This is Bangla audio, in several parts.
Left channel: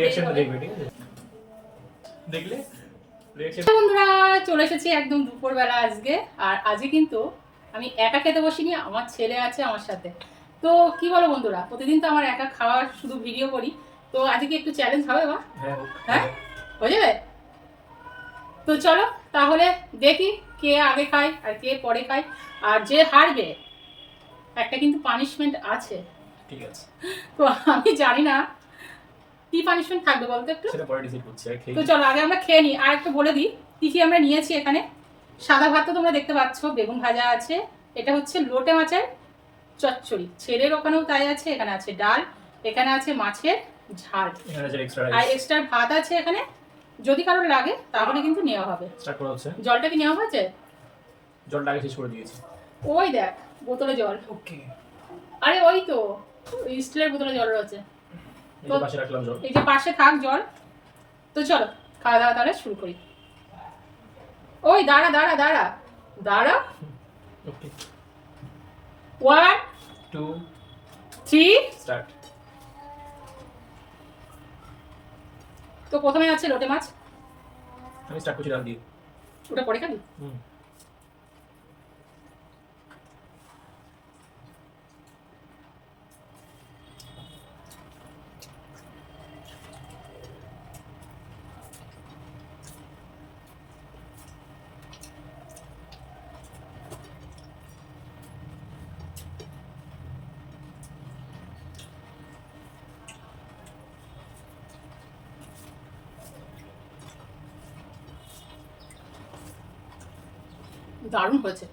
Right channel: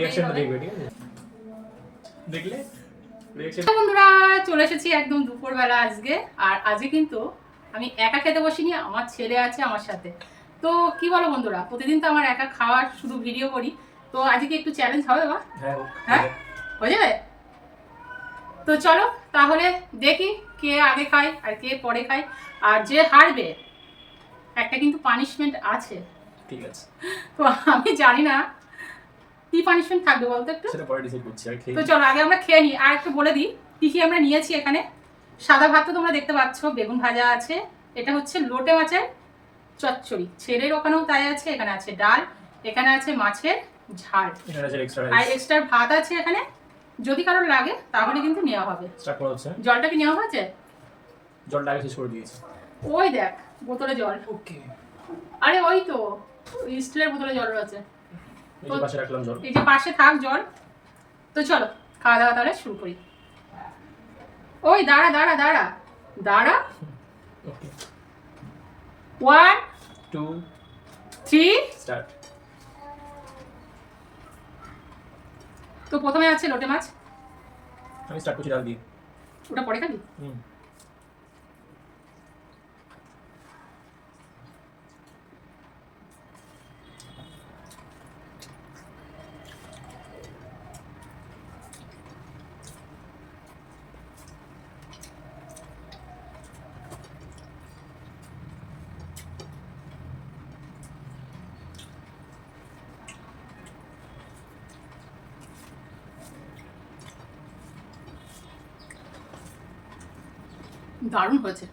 রিঅ্যাকশনটা দেখবে, ঠিক আছে? দেখলে রিঅ্যাকশন। বন্ধুরা চলে এসেছি একদম দুপুরবেলা আজকে। আর আজকে কিন্তু আমি একা খেতে বসিনি, আমার ছেলে আছে আমার সাথে। তো কি বলো বন্ধুরা, প্রতিদিন তো আমার একা খাওয়ার শুধু ভিডিও করি, তো আজকে কি একটু চ্যালেঞ্জ হবে মা? হ্যাঁ হয়ে যাবে। তো চলো তাহলে দেখি কে আগে খায় আর কে পরে খায়। আর যে হারবে একটা কিন্তু পানিশমেন্ট আছে, ঠিক আছে? তো আমি জানি না কি পানিশমেন্ট থাকবে বলতো একটু। সেটা পরে ডিসাইড করছি। আর খেয়ে তো চলো আগে আমরা খেয়ে নিই। আর একটু বলে দিই কি কি আমরা নিয়েছি এখানে। সাদা ভাত তো তোমরা দেখতে পাচ্ছ, বেগুন ভাজা আছে, এটা হচ্ছে লোটে মাছের চচ্চড়ি, ছেলের ওখানেও তাই আছে, এখানে আছে ডাল, এখানে আছে মাছের ঝাল, এখানে আছে এক্সট্রা আর রাইস। এক্সট্রা ভাত আছে এখানে, যদি কারোর লাগে তাহলে কিন্তু নেওয়া হবে। স্টার্ট করা হচ্ছে। জলটা কি নেওয়া হয়েছে? জলটা আগে শেষ করে দিয়েছি। ওই দেখ বোতলে জল। ওকে, আরে ওই তো স্টিলের বোতলে জল রয়েছে, এই যে পাশে রাখলাম জল। এই যে পাশে থাক জল। তো চলো খাওয়া দাওয়া তাহলে শুরু করি। ওই দাঁড়া দাঁড়া দাঁড়া দাঁড়া। ওকে, 1 2 3 স্টার্ট। তো প্রথমে আছে লোটে মাছ। আমি স্টার্ট করছি ডাল দিয়ে। ওটা পরে খাবি? দারুণ হয়েছে।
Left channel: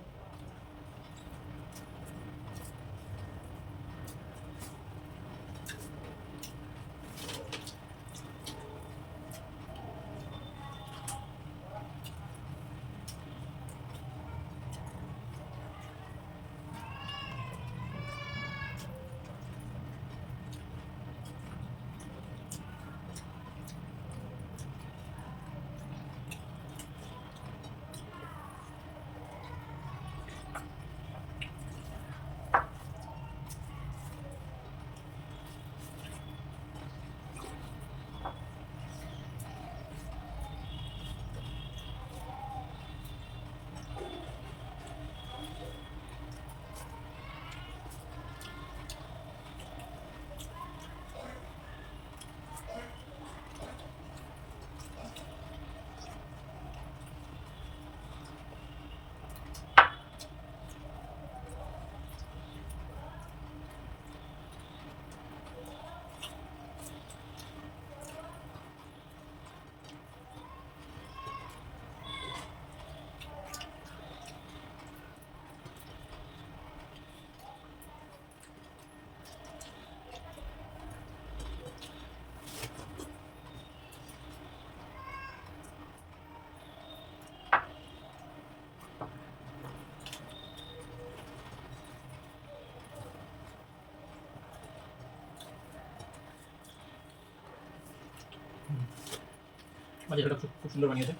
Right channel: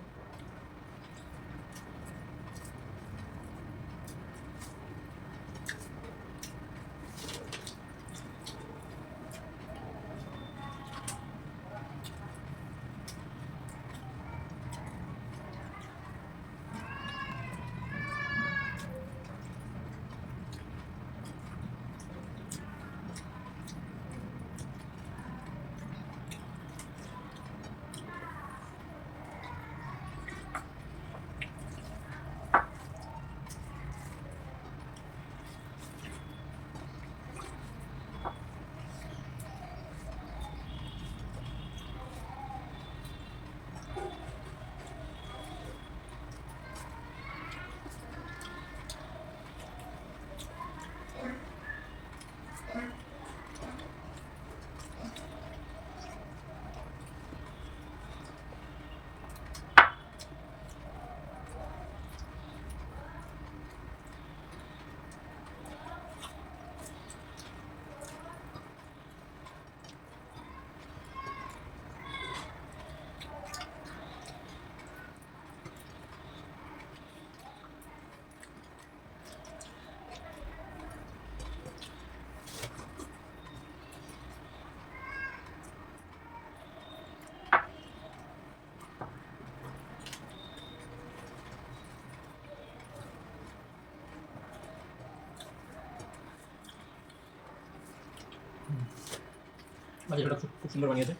মাছ এটা খুব সুন্দর বানিয়েছে।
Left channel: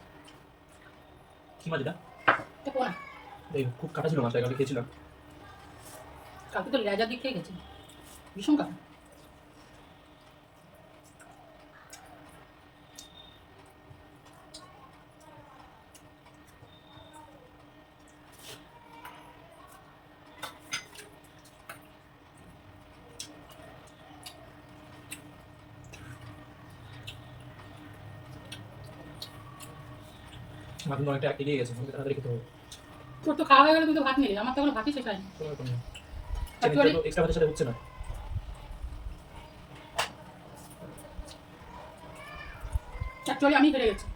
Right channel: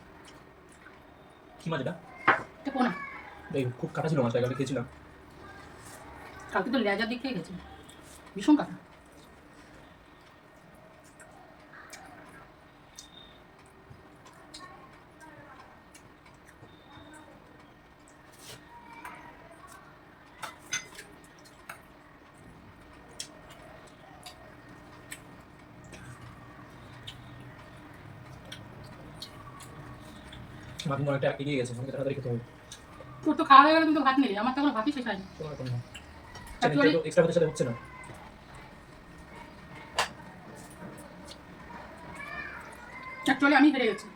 কি মাছ এটা? এটা পোনা। এই খুব কাটা ছিল মাছটা, কালকে খেয়েছিলাম। কালকে তো লেজার দিক থেকে গেছে, ভীষণ কাটা। মাছ কিন্তু অনেকটা এগিয়ে গেছে, আমাকে তাড়াতাড়ি খেতে হবে। তোর তো খাওয়া হয়ে গেল কিন্তু ভাত নিলি, আমার তো এখনো ভাতই শেষ হয়নি। কোনো ব্যাপার না, চ্যালেঞ্জটা তো এক্সট্রা ভাতের সাথে হচ্ছে না। অ্যাকচুয়ালি আমি হেরে গেছি।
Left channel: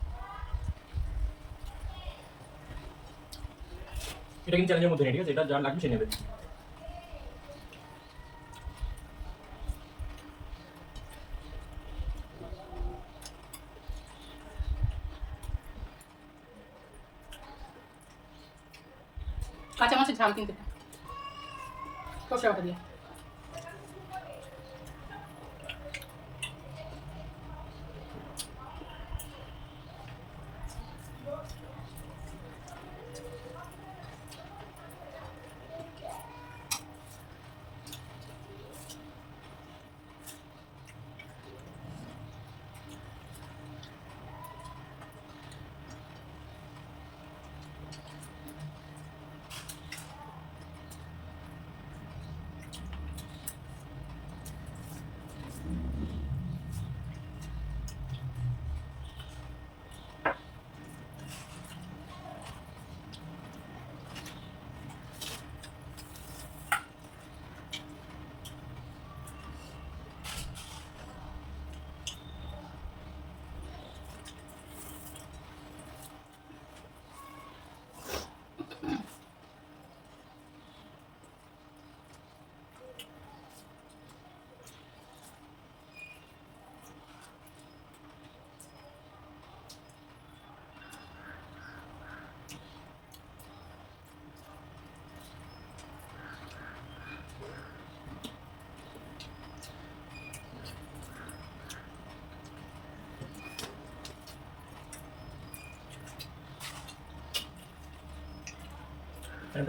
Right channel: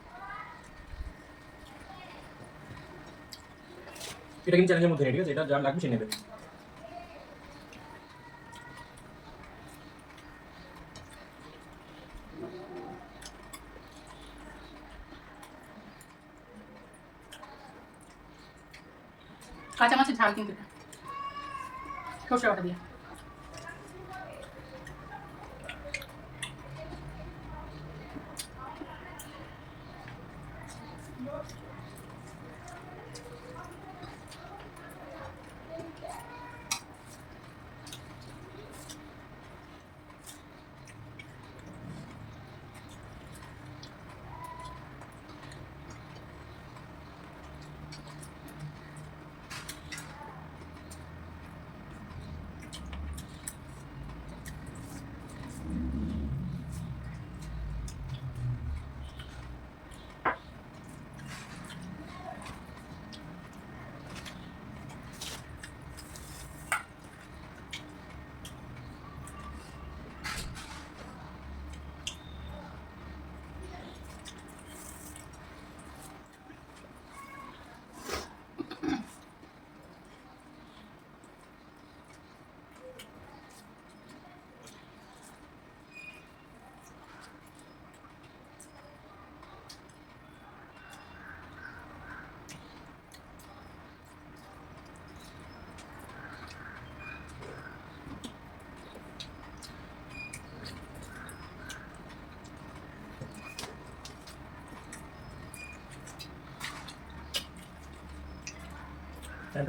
এটা কিন্তু চ্যালেঞ্জের মধ্যে নেই, ঠিক আছে? এটা যার লাগবে সে নেবে। কাঁচা মাছের ঝাল কিন্তু এটা, সর্ষে বাটা দিয়ে।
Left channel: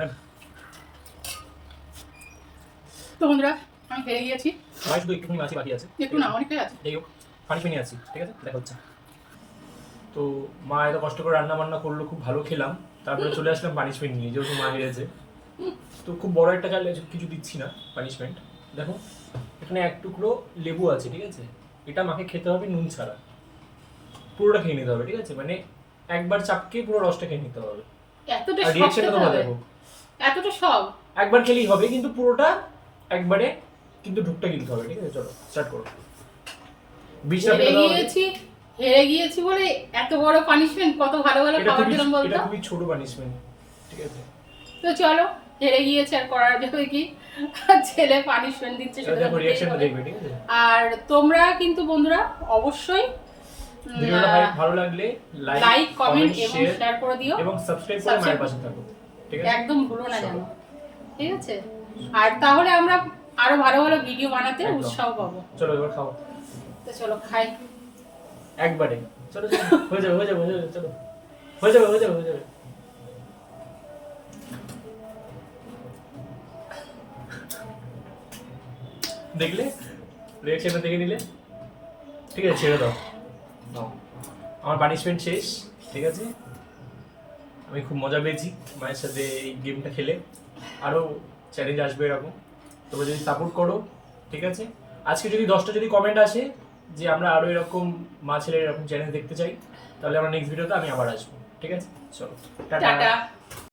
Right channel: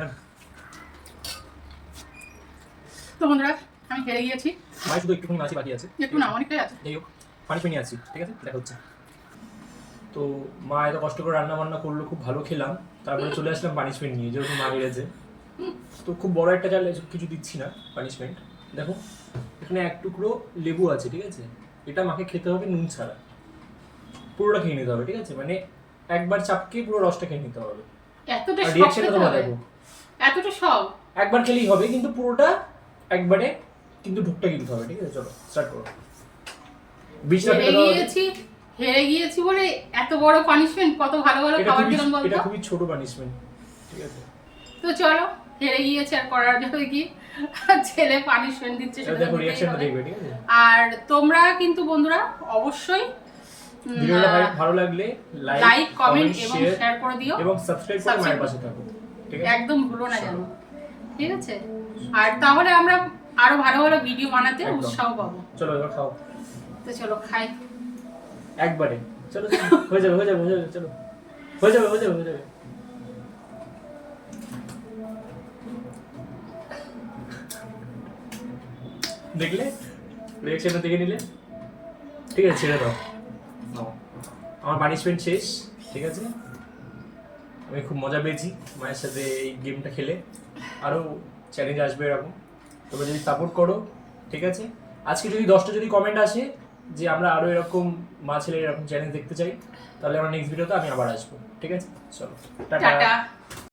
টান। তো বন্ধুরা আমি হেরে গিয়েছি, ভাই শুধু একটুখানি মাছি বাকি আছে, একটু না অনেকটাই আছে। যাই হোক পানিশমেন্ট নিয়ে আসছি, ঠিক আছে দেখা হচ্ছে। তো মা এত কষ্ট করে রান্না বান্না করলো, খুব ভালো খেলাম, তারপরে চলে আসলাম পানিশমেন্ট নিয়ে, যেহেতু মা হেরেছে। তো খুব বড় একটা চাল কিছু দিচ্ছি না পানিশমেন্ট। দেখো এখানে এক টুকরো লেবু আছে, ঠিক আছে, এটা মাকে খেতে হবে নুন ছাড়া, পুরোটা খেয়ে নিতে হবে, ঠিক আছে, মানে একবার চাপকে পুরো রসটা খেয়ে নিতে হবে। এতটা আর সব রিঅ্যাকশনটা খেতে তোমরা হবে? দেখো, এতটা সব? একবার খেলেই হবে কিন্তু পুরোটা একবারে কিন্তু ঢুকটা গিলতে হবে, ঠিক আছে। চলো স্টার্ট করো। বীজটা হেরে ফেলে দাও আগে। গিয়েছি, হেরে গিয়েছি বলে এত বড় পানিশমেন্ট? কত ভালো ভালো এটা খাবার খুবই দিলাম বলতো। এটা খুবই ছোট পানিশমেন্ট, ঠিক আছে। তো চলো, হেরে গিয়েছে আর করার যাবে কি, ছেলে পানিশমেন্ট দিচ্ছে এটা সেটা দেখো তো দিতেই রিঅ্যাকশনটা হবে। দেখবে, ঠিক আছে। আর তোমরা কিন্তু বন্ধুরা অবশ্যই ভিডিওটা ভালো লাগলে লাইক কমেন্ট এবং শেয়ার শেয়ার করে দিও এবং সাবস্ক্রাইব করে মায়ের পাশে থাকো, ঠিক আছে। একদম ভুলো না চলো। যেন, ঠিক আছে। আর তাহলে আমরা আরো ভালো ভালো ভিডিও বানাতে একদম। উৎসাহ পাবো। চলো এবার খাও তো চলো খাই। একবারে। চলো চলো, হয়ে যাবে চলো, হয়ে যাবে। দেখলে রিঅ্যাকশনটা দেখে নিলে, ঠিক আছে, ছেড়ে দাও। নাও, আমার পানিশমেন্ট শেষ, ঠিক আছে। আমি খুব মজা পেয়েছি মায়ের সাথে এই গেমটা খেলে। আরও চ্যালেঞ্জ আসবে এরকম, তোমরা যদি সাপোর্ট করো, ঠিক আছে। আজকে যদি 10টা যদি কমেন্ট আসে যে আমরা আরও এরকম মা ছেলের এরকম চ্যালেঞ্জ দেখতে চাই, তাহলে আমরা নেক্সট ভিডিওতে আমি আবার আসবো, ঠিক আছে। চলো টাটা। টাটা।